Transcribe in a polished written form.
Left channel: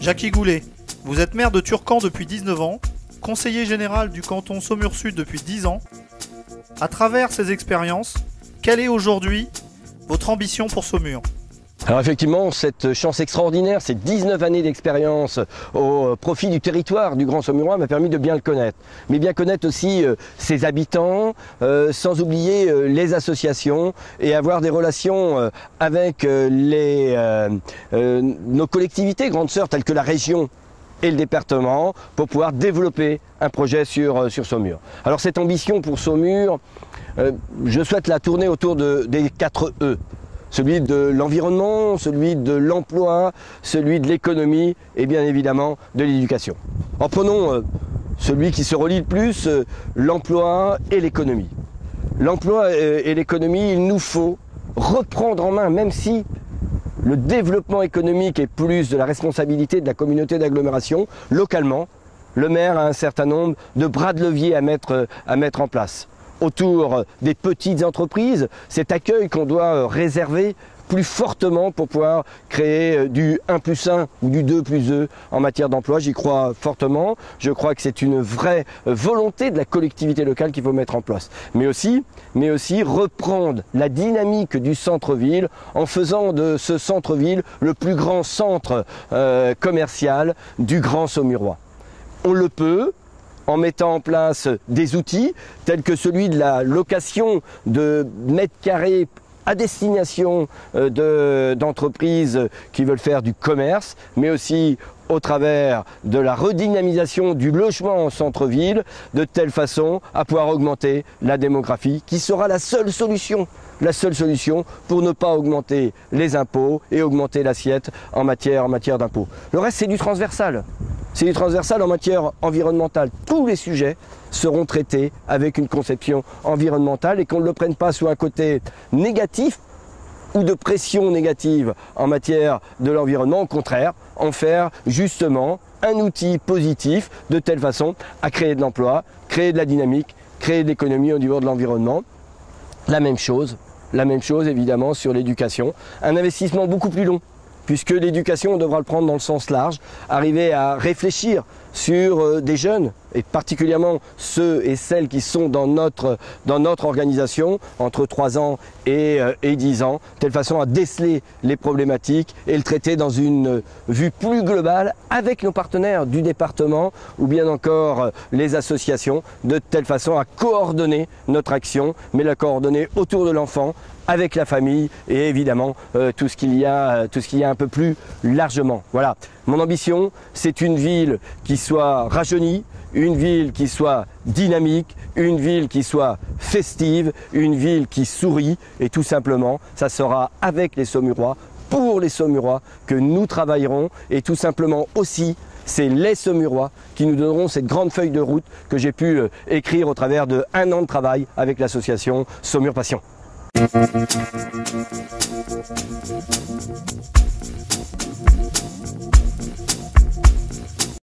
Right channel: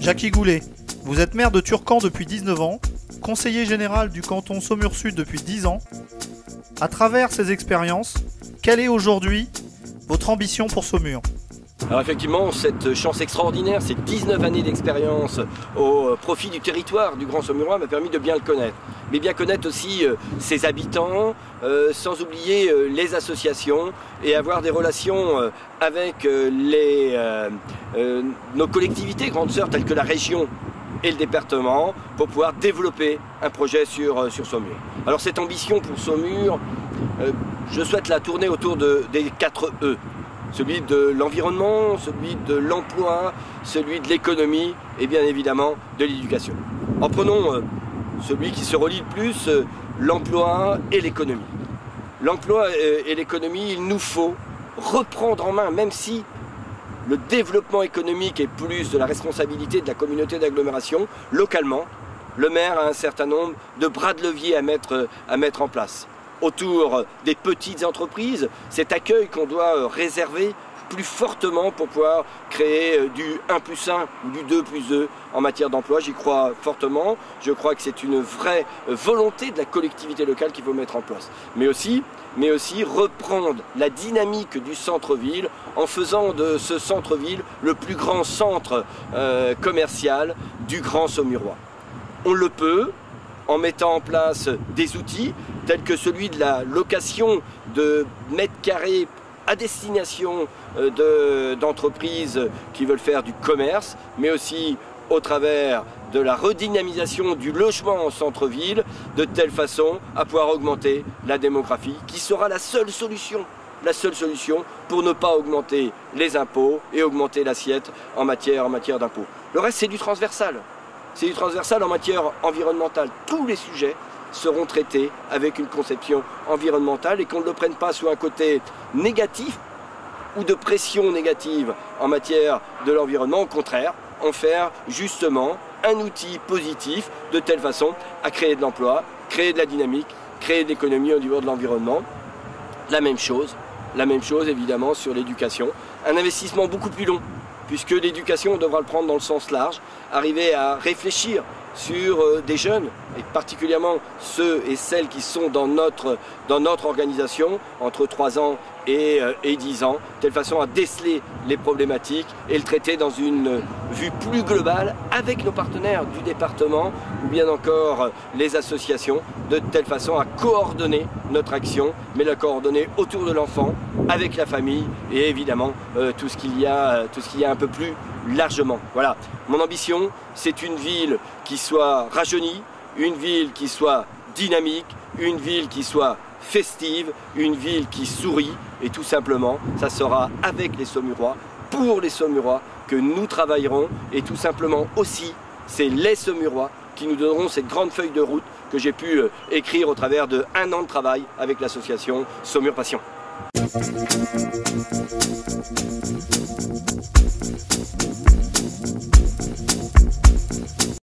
Jackie Goulet, vous êtes maire de Turcan depuis 19 ans, conseiller général du canton Saumur-Sud depuis 10 ans. À travers ces expériences, quelle est aujourd'hui votre ambition pour Saumur ? Alors effectivement, cette chance extraordinaire, ces 19 années d'expérience au profit du territoire du Grand Saumurois m'a permis de bien le connaître. Mais bien connaître aussi ses habitants, sans oublier les associations et avoir des relations avec nos collectivités grandes sœurs telles que la région et le département pour pouvoir développer un projet sur Saumur. Alors cette ambition pour Saumur, je souhaite la tourner autour des 4 E. Celui de l'environnement, celui de l'emploi, celui de l'économie et bien évidemment de l'éducation. En prenons celui qui se relie le plus, l'emploi et l'économie. L'emploi et l'économie, il nous faut reprendre en main, même si le développement économique est plus de la responsabilité de la communauté d'agglomération, localement, le maire a un certain nombre de bras de levier à mettre en place. Autour des petites entreprises, cet accueil qu'on doit réserver plus fortement pour pouvoir créer du 1+1 ou du 2+2 en matière d'emploi. J'y crois fortement. Je crois que c'est une vraie volonté de la collectivité locale qu'il faut mettre en place. Mais aussi reprendre la dynamique du centre-ville en faisant de ce centre-ville le plus grand centre commercial du Grand Saumurois. On le peut en mettant en place des outils tels que celui de la location de mètres carrés à destination d'entreprises qui veulent faire du commerce, mais aussi au travers de la redynamisation du logement en centre-ville, de telle façon à pouvoir augmenter la démographie, qui sera la seule solution pour ne pas augmenter les impôts et augmenter l'assiette en matière d'impôts. Le reste, c'est du transversal. C'est du transversal en matière environnementale. Tous les sujets seront traités avec une conception environnementale et qu'on ne le prenne pas sous un côté négatif ou de pression négative en matière de l'environnement. Au contraire, en faire justement un outil positif de telle façon à créer de l'emploi, créer de la dynamique, créer de l'économie au niveau de l'environnement. La même chose évidemment sur l'éducation. Un investissement beaucoup plus long, puisque l'éducation, on devra le prendre dans le sens large, arriver à réfléchir sur des jeunes, et particulièrement ceux et celles qui sont dans notre organisation, entre 3 ans et 10 ans, de telle façon à déceler les problématiques et le traiter dans une vue plus globale avec nos partenaires du département ou bien encore les associations, de telle façon à coordonner notre action, mais la coordonner autour de l'enfant, avec la famille et évidemment tout ce qu'il y a un peu plus largement. Voilà, mon ambition, c'est une ville qui soit rajeunie, une ville qui soit dynamique, une ville qui soit festive, une ville qui sourit et tout simplement, ça sera avec les Saumurois, pour les Saumurois que nous travaillerons et tout simplement aussi, c'est les Saumurois qui nous donneront cette grande feuille de route que j'ai pu écrire au travers de 1 an de travail avec l'association Saumur Passion.